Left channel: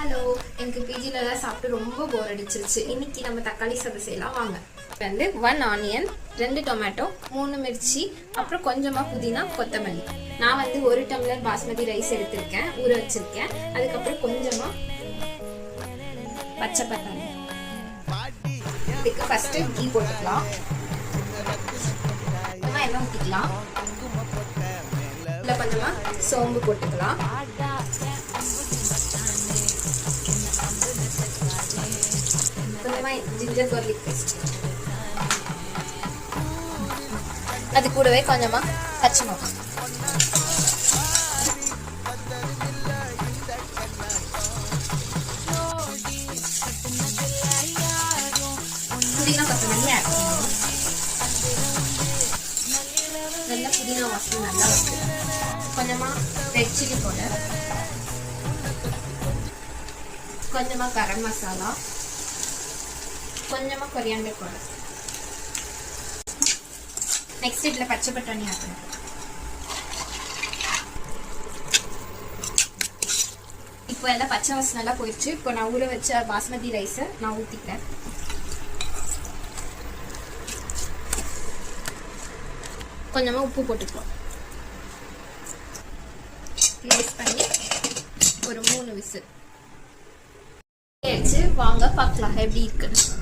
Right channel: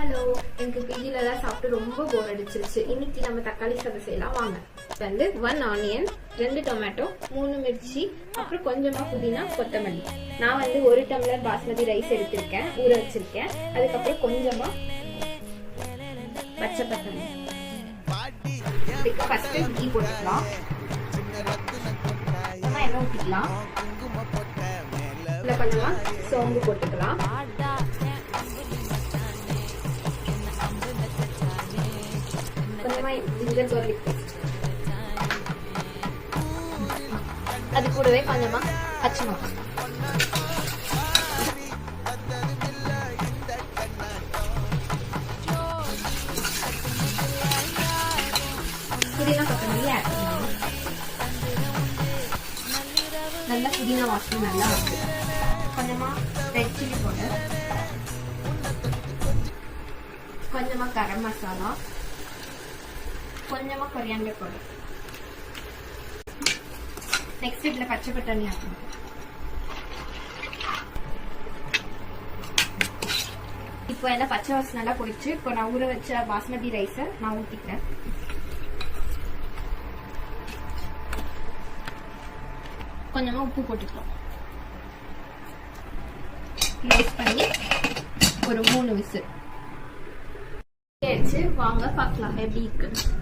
Hello, எனக்கு பிஜிலலாம் சாப்பிட்டு ரொம்ப போர் அடிச்சிருச்சு. இன்னைக்கு நம்ம தக்காளி சாதம் செய்யலாம் வாங்க. வந்து 1 ஆனியன், 2 டொமேட்டோ, 3 மிர்ச்சி, அப்புறம் கொஞ்சமா புதினா, கொத்தமல்லி. நான் வந்து 1 டம்ளர் பாஸ்மதி ரைஸ் எடுத்திருக்கேன், ஊற வச்சிருக்கேன். அதுக்கப்புறம் கொஞ்சமா பச்சை பட்டாணி. இதுக்கு ஃபர்ஸ்ட் கீ போட்டுக்கலாம். நம்ம எல்லாம் ஊற்றிக்கலாம். இதில் கொஞ்சமா சோம்பு போட்டுக்கலாம். கொஞ்சமா ஜிஞ்சர் கார்லிக் பேஸ்ட், அது கூடவே கொஞ்சமா பச்சை மிளகாய், புதினா கொத்தமல்லி ஆட் பண்ணணும். நல்லா புதினா வாசனை நல்லா இருக்கு. கொஞ்சமா ரெட் சில்லி பவுடர், கொஞ்சமா கரம் மசாலா, கொஞ்சமா கொரியாண்டர் பவுடர். நெக்ஸ்ட் இதுல பச்சை பட்டாணி ஆட்டணும். இப்போ எல்லாம் பச்சை வாசனை எல்லாம் போயிடுச்சு. இப்போ நான் ஊற வச்ச பாஸ்மதி ரைஸை நான் ஊற்றிக்கிறேன். கொஞ்சமா உப்பு போட்டுக்கலாம். மிக்ஸ் பண்ணி ஒரு 3 விசில் ஆயிடுச்சு. வாங்க பார்க்கலாம் எப்படி இருக்குன்னு.